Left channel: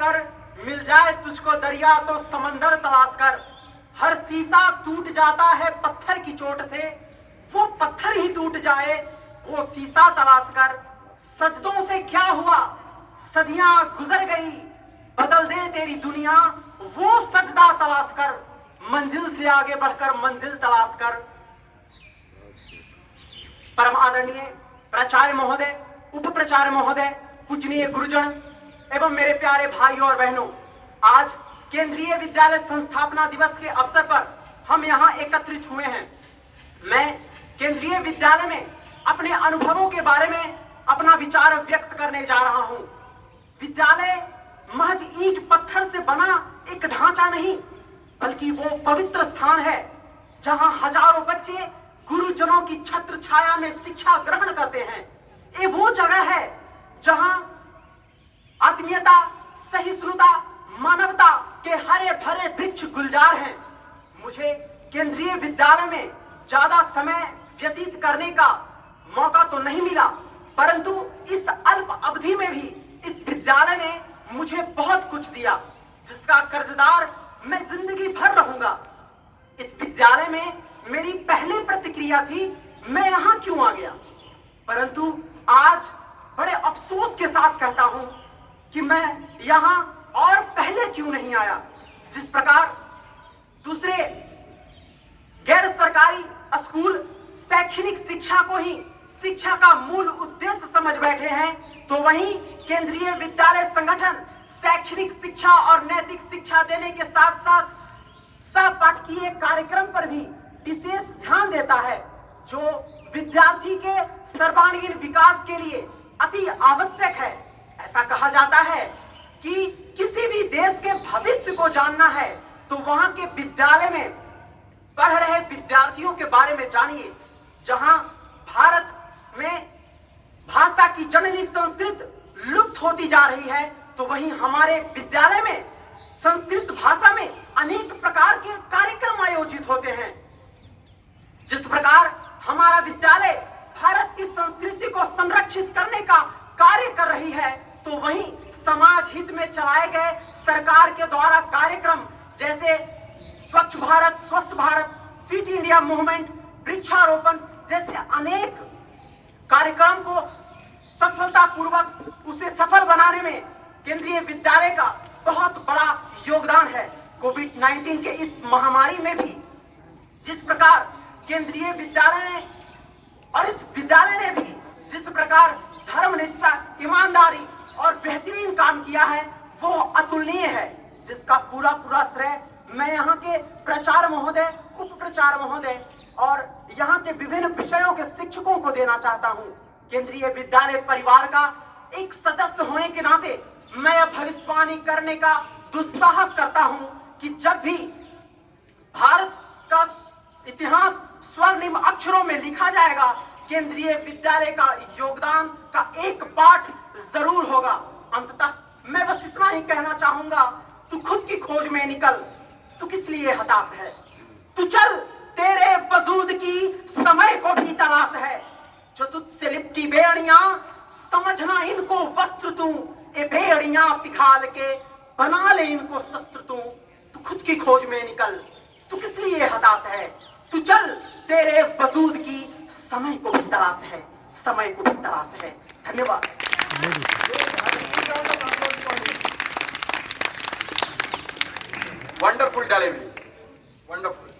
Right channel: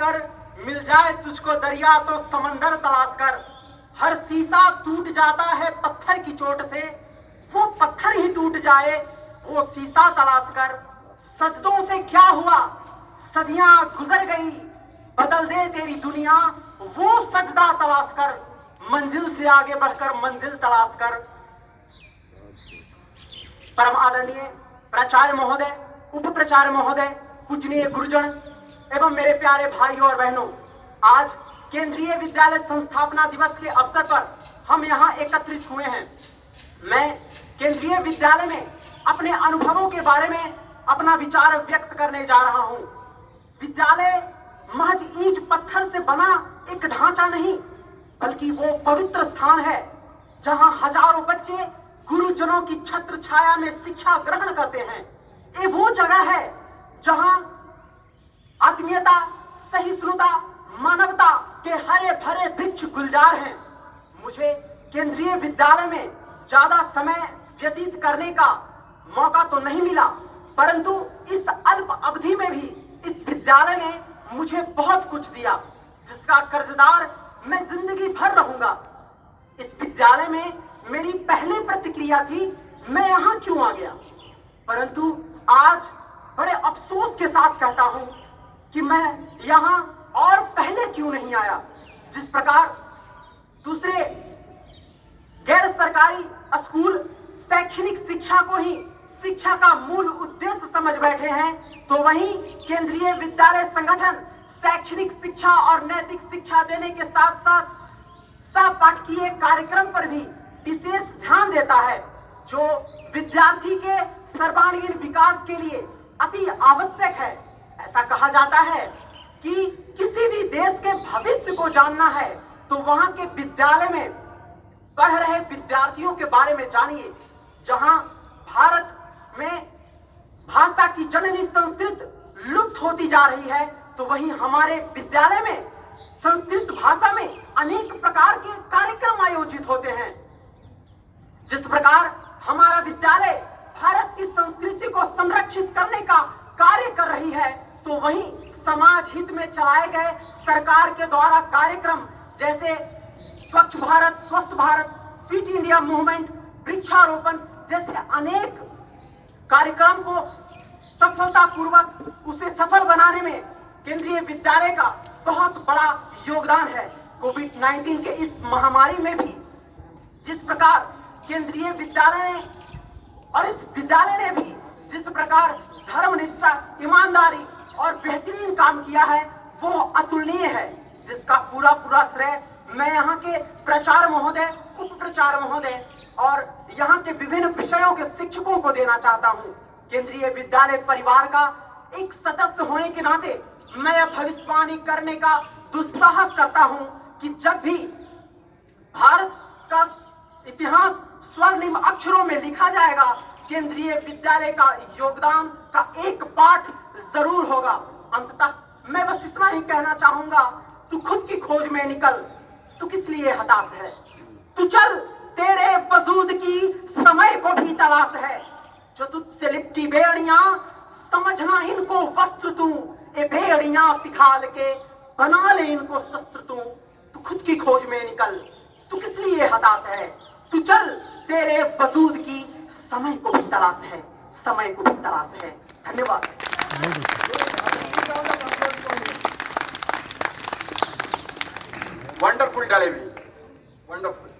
कर, मिल जाए तुझको दरिया तो समंदर तलाश कर। हर शीशा टूट जाता है पत्थर की चोट से, वो पत्थर ही टूट जाए वो शीशा तलाश कर। सजदों से क्या हुआ, सदियां गुजर गई, बदल दे तेरी दुनिया वो सजदा तलाश कर। मंजिल से आगे बढ़कर मंजिल तलाश कर। परम आदरणीय प्राचार्य महोदय, उप प्राचार्य महोदय, पूजनीय गुरुजन एवं मेरे प्यारे भाइयों और बहनों, आज केंद्रीय विद्यालय संस्थापना दिवस के अवसर पर हम यहाँ एकत्रित हुए हैं। मैं केंद्रीय विद्यालय में अपने अनुभवों के बारे में अपना विचार व्यक्त करने जा रहा हूँ। विद्यालय महज ईंट पत्थर से बना एक ढांचा नहीं, बल्कि वो पवित्र स्थान है जहां हजारों बच्चे गुरुजनों की छत्र छाया में शिक्षा ग्रहण करते हैं। ये वो जगह है जहां आत्मीयता, सहिष्णुता, मानवता के हरे भरे वृक्ष गुलजार हैं। मुझे केंद्रीय विद्यालय में ज्यादा समय व्यतीत करने का मौका तो नहीं मिला, परंतु इस अल्प अवधि में भी इस विद्यालय ने मुझे बहुत कुछ दिया, जिसका कर्जदार मैं जिंदगी भर रहूंगा। इस विद्यालय में मेरी पहली प्रतिक्रिया थी, मैं यहां क्यों आ गया, परंतु आज बड़े अफसोस के साथ कहता हूं कि मैं यहां और पहले क्यों नहीं आया। जिस प्रकार दूसरे गैर सरकारी स्कूल शैक्षणिक शिक्षा को ही शिक्षा का मूल उद्देश्य समझ बैठे हैं, तो वहीं केंद्रीय विद्यालय संगठन शैक्षणिक शिक्षा और नैतिक शिक्षा देने के साथ साथ सहपाठकीय कार्यक्रम पर भी विशेष ध्यान देता है, जो विद्यार्थी के सर्वांगीण विकास के लिए अति आवश्यक है। ऐसा कहा जाता है कि किसी भी देश के भविष्य को जानना है तो वहां के विद्यालय में पढ़ रहे विद्यार्थियों के बारे में जानिए। जहां भारत में भाषा की जननी संस्कृत लुप्त होती जा रही है, तो वहीं हमारे विद्यालय में संस्कृत भाषा में अनेक प्रकार के कार्यक्रम आयोजित होते हैं। जिस प्रकार हमारा विद्यालय भारत की संस्कृति को संरक्षित करने का कार्य कर रही है, तो वहीं समाज हित में चलाए गए सरकार के द्वारा कार्यक्रम जैसे स्वच्छ भारत, स्वस्थ भारत, फिट इंडिया मूवमेंट, वृक्षारोपण जैसे अनेक कार्यक्रम को सफलतापूर्वक उसे सफल बनाने में केंद्रीय विद्यालय का बहुत बड़ा योगदान है। कोविड-19 के इस महामारी में भी जिस प्रकार केंद्रीय विद्यालय ने और इस विद्यालय ने भी जिस प्रकार धर्मनिष्ठा, ईमानदारी और बेहतरीन काम किया है, वो अतुलनीय है, जिसका पूरा श्रेय मैं यहाँ के प्राचार्य महोदय, उप प्राचार्य महोदय और यहाँ के विभिन्न विषयों के शिक्षकों को देना चाहता हूँ। केंद्रीय विद्यालय परिवार का एक सदस्य होने के नाते मैं यह भविष्यवाणी करने का दुस्साहस करता हूँ कि जब भी भारत का इतिहास स्वर्णिम अक्षरों में लिखा जाएगा, केंद्रीय विद्यालय का योगदान का एक पाठ जरूर होगा। अंततः मैं बस इतना ही कहना चाहूंगा, तू खुद की खोज में निकल, तू किस लिए हताश है, तू चल, तेरे वजूद की समय को भी तलाश है। जो तुझसे लिपटी बेड़ियां, समझना इनको वस्त्र तू, ए बेड़ियां पिघाल के बना ले इनको शस्त्र तू। तू खुद की खोज में निकल, तू किस लिए हताश है, तू चल, तेरे वजूद की समय को भी तलाश है, समय को भी तलाश है। धन्यवाद। Wonderful delivery, wonderful.